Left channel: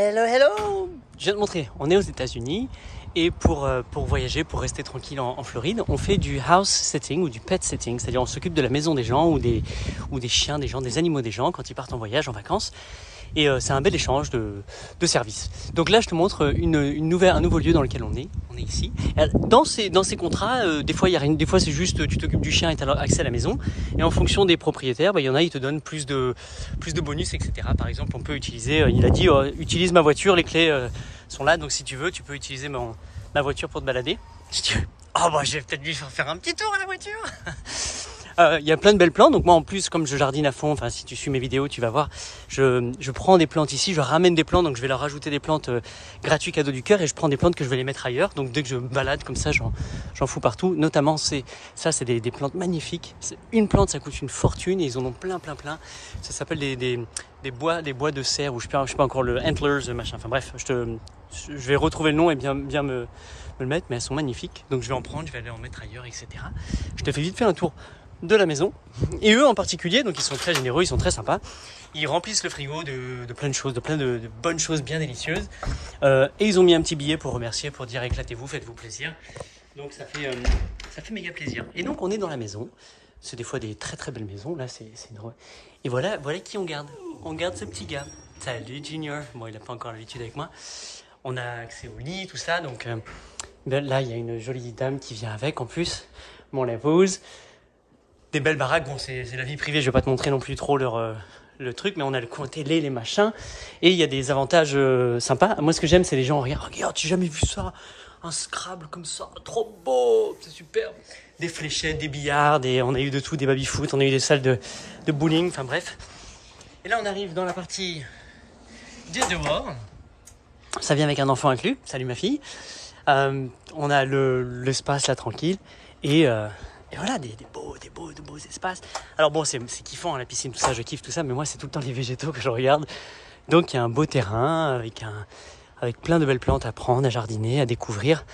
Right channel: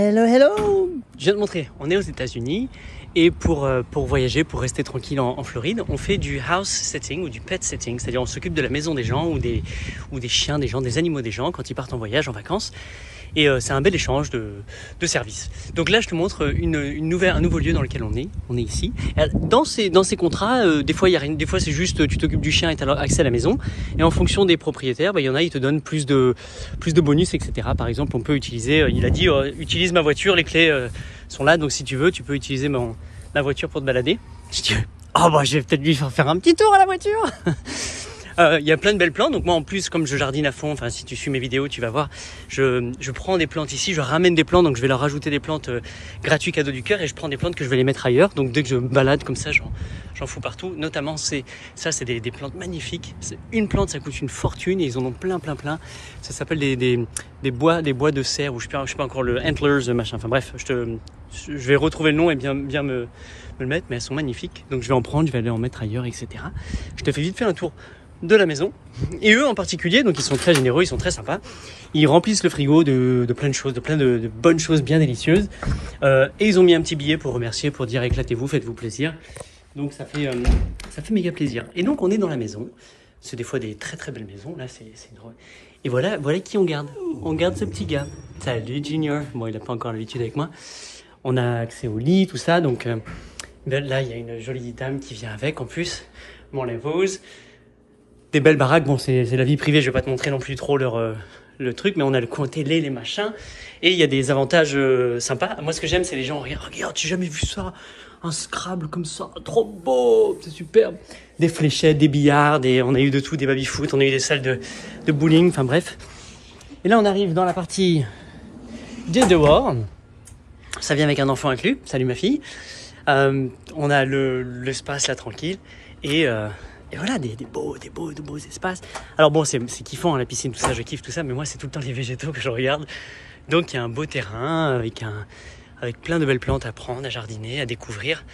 Hello, hello! Je viens de montrer, on est aux États-Unis et pour voyager, pour rester tranquille en Floride, on fait du house sitting ou du pet sitting, c'est-à-dire on s'occupe de la maison des gens ou des chiens des gens, des animaux des gens quand ils partent en voyage, en vacances. Et c'est un bel échange de services. Donc là, je te montre un nouveau lieu dans lequel on est. On est ici. Dans ces contrats, des fois, il y a rien. Des fois, c'est juste tu t'occupes du chien et tu as accès à la maison. Et en fonction des propriétaires, il y en a, ils te donnent plus de bonus, etc. Par exemple, on peut utiliser. Il a dit, utilise ma voiture, les clés sont là. Donc si tu veux, tu peux utiliser ma voiture pour te balader. Si tu veux. Oh bah, je vais peut-être lui faire un petit tour à la voiture. Il y a plein de belles plantes, donc moi en plus comme je jardine à fond, enfin si tu suis mes vidéos tu vas voir, je prends des plantes ici, je ramène des plantes, donc je vais leur rajouter des plantes gratuites cadeau du cœur et je prends des plantes que je vais les mettre ailleurs, donc dès que je me balade comme ça j'en fous partout, notamment c'est des plantes magnifiques, une plante ça coûte une fortune et ils en ont plein, ça s'appelle des bois de serre ou je sais pas encore le antlers machin, enfin bref, je vais retrouver le nom et bien me le mettre, mais elles sont magnifiques, donc je vais en prendre, je vais aller en mettre ailleurs, etc. Je te fais vite faire un tour de la maison et eux en particulier, donc ils sont très généreux, ils sont très sympas, ils remplissent le frigo de plein de choses, de plein de bonnes choses bien délicieuses et ils ont mis un petit billet pour remercier, pour dire éclatez-vous, faites-vous plaisir, donc ça fait méga plaisir. Et donc on est dans la maison, c'est des fois des très belles maisons, là c'est drôle. Et voilà qui on garde ce petit gars. Salut Junior, bon il n'a pas encore l'habitude avec moi, on a accès au lit, tout ça, donc là il y a une jolie dame qui vient avec en plus, bon la pose. Des belles baraques, bon c'est la vie privée, je vais pas te montrer non plus trop le truc, mais on a le coin télé, les machins, et il y a des avantages sympas. Moi ce que j'aime c'est les gens, regarde, j'ai jamais vu ça, un Scrabble comme ça, trop beau, c'est superbe. Des fléchettes, des billards, on a eu de tout, des baby-foot, on a eu des salles de bowling, enfin bref. Et là on arrive dans la partie des dehors, ça vient avec un enfant inclus, salut ma fille. On a l'espace là tranquille, et voilà, des beaux espaces. Alors bon, c'est kiffant, hein, la piscine, tout ça, je kiffe tout ça, mais moi, c'est tout le temps les végétaux que je regarde. Donc, il y a un beau terrain avec plein de belles plantes à prendre, à jardiner, à découvrir.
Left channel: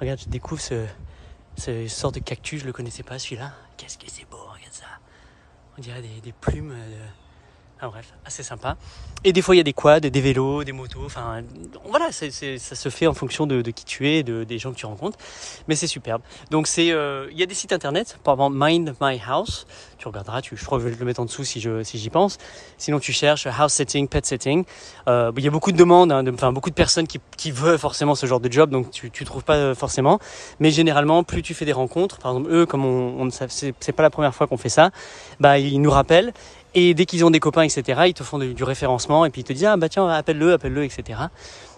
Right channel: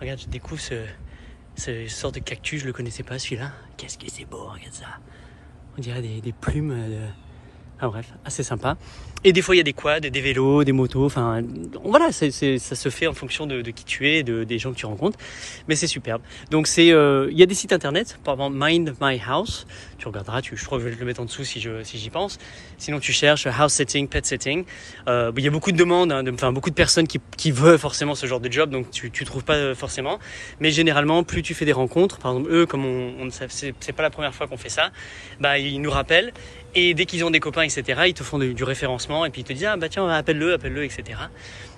Regarde, je découvre ce sorte de cactus, je le connaissais pas, celui-là. Qu'est-ce que c'est beau, regarde ça. On dirait des plumes Ah bref, assez sympa. Et des fois, il y a des quads, des vélos, des motos. Enfin, voilà, ça se fait en fonction de qui tu es, des gens que tu rencontres. Mais c'est superbe. Donc, il y a des sites internet. Par exemple, Mind My House. Tu regarderas, je crois que je vais le mettre en dessous si j'y pense. Sinon, tu cherches house sitting, pet sitting. Il y a beaucoup de demandes, hein, beaucoup de personnes qui veulent forcément ce genre de job. Donc, tu trouves pas forcément. Mais généralement, plus tu fais des rencontres, par exemple, eux, comme c'est pas la première fois qu'on fait ça, bah, ils nous rappellent. Et dès qu'ils ont des copains, etc., ils te font du référencement et puis ils te disent ah bah tiens appelle-le, etc.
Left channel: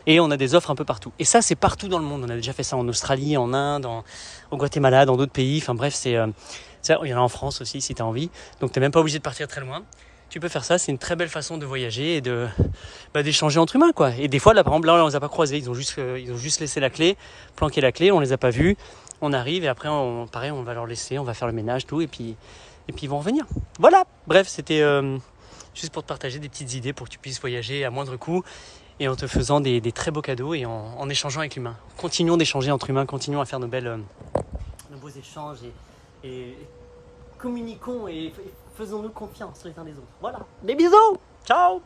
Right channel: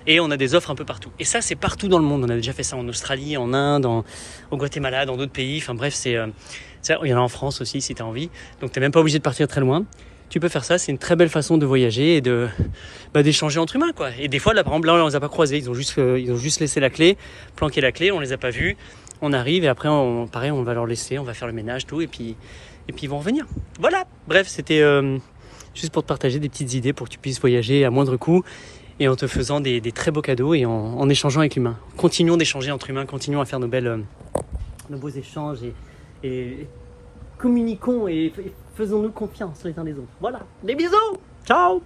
Et on a des offres un peu partout. Et ça c'est partout dans le monde. On a déjà fait ça en Australie, en Inde, au Guatemala, dans d'autres pays. Enfin bref, ça, il y en a en France aussi si tu as envie. Donc t'es même pas obligé de partir très loin. Tu peux faire ça. C'est une très belle façon de voyager et d'échanger entre humains quoi. Et des fois là par exemple là on les a pas croisés. Ils ont juste laissé la clé, planqué la clé. On les a pas vus. On arrive et après pareil on va leur laisser, on va faire le ménage tout et puis ils vont revenir. Voilà, bref, c'était juste pour te partager des petites idées pour que tu puisses voyager à moindre coût et en te faisant des très beaux cadeaux et en échangeant avec l'humain. Continuons d'échanger entre humains, continuons à faire nos beaux échanges et communiquons et faisons-nous confiance les uns des autres. Voilà, des bisous, ciao.